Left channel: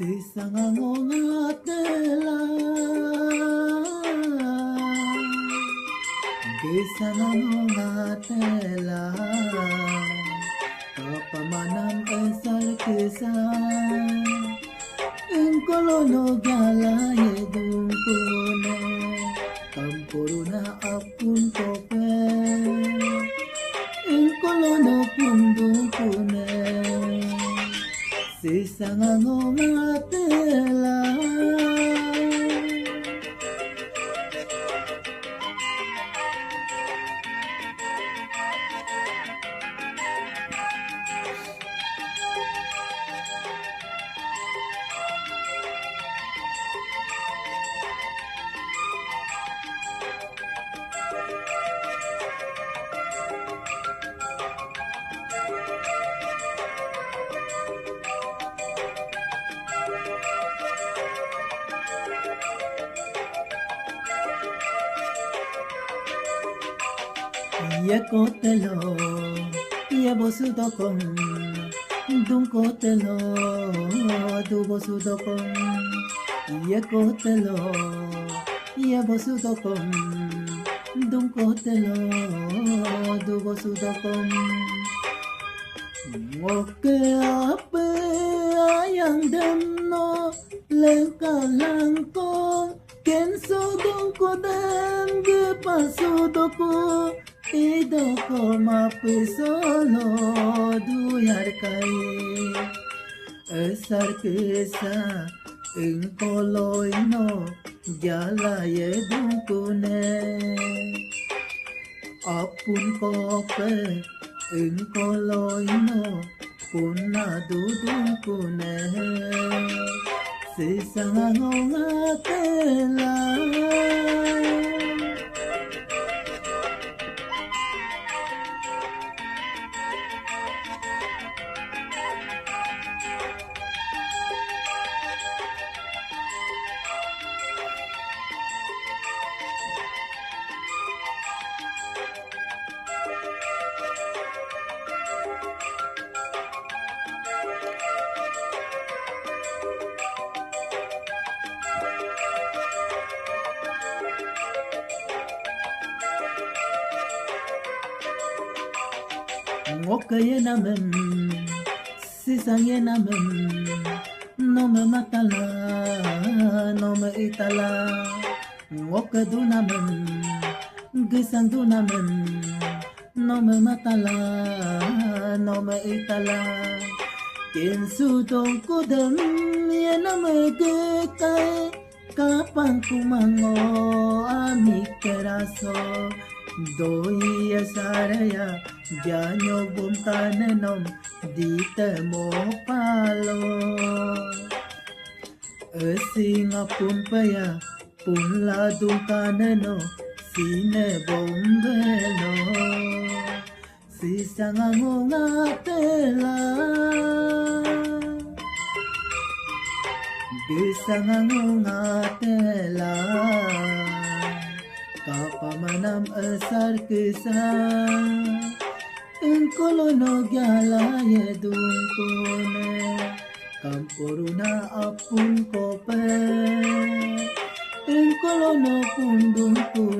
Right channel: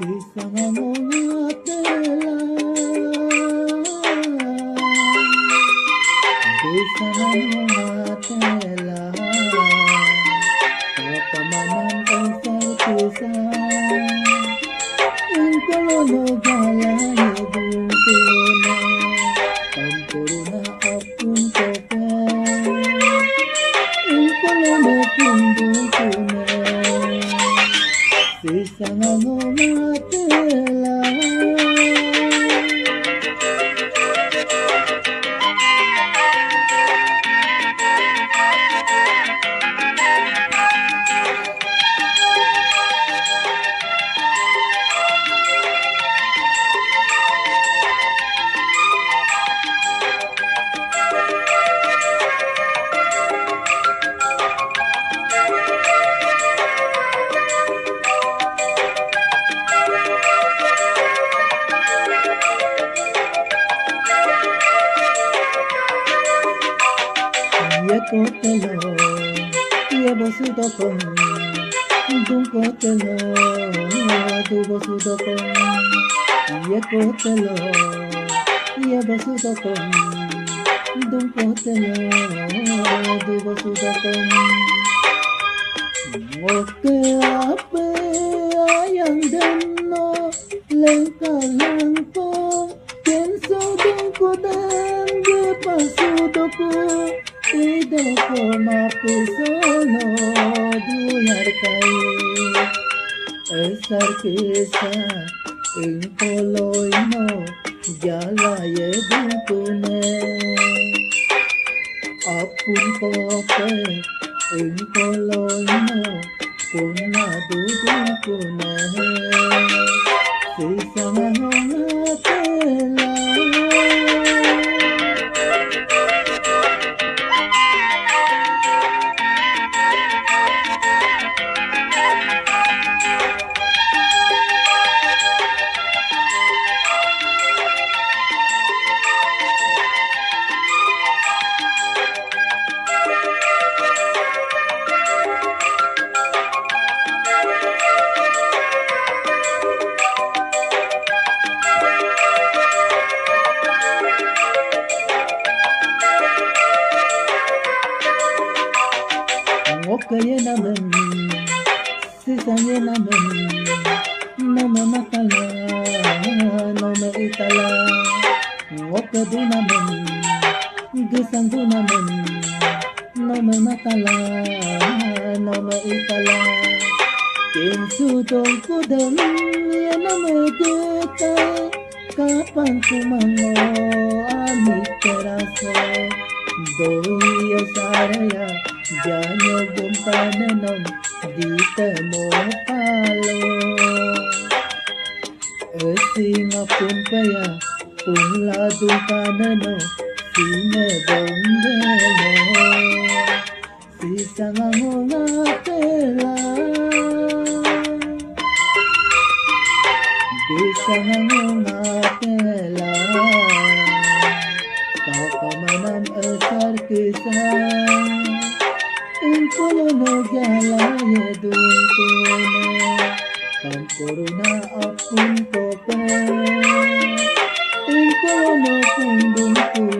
Sesama mengatela, bersama mengatela, kapamanang esar kisah, ingkolono galay dungkuna, kampuruna apun kope, ingkolono pundungkuna, sesama mengatela. Ye kotelo, ye bosudokon, dum kotelo, du bosudokon. Ye kotelo, ye bosudokon, dum kotelo, du bosudokon. Ngoke ape ayang deno, lengka-lengko, kenso dungko dan ye pasudoko. Idoko mapusono duyar kai esar kesa ingkoloino jala ye dunkune apun kope ingkoloino kuna dudunkune sesama ngatela. Ngokaye namen, sisanye namen, nome matala, nome itala. Ngokadu namen, gisandu namen, nome matala, nome itala. Kinsu dong kudem, ye nome kita, kapan kumango amit teraso, doi saraya. Janyo bumpanenom dita mo palo Esinga pumpaya punladung kanano sine bombelo Sisanga ngatela Bisanga ngatela Kapamanam esar kisah Ingkolono galaye dunkune kampuruna apun kope ingkolono pundungkune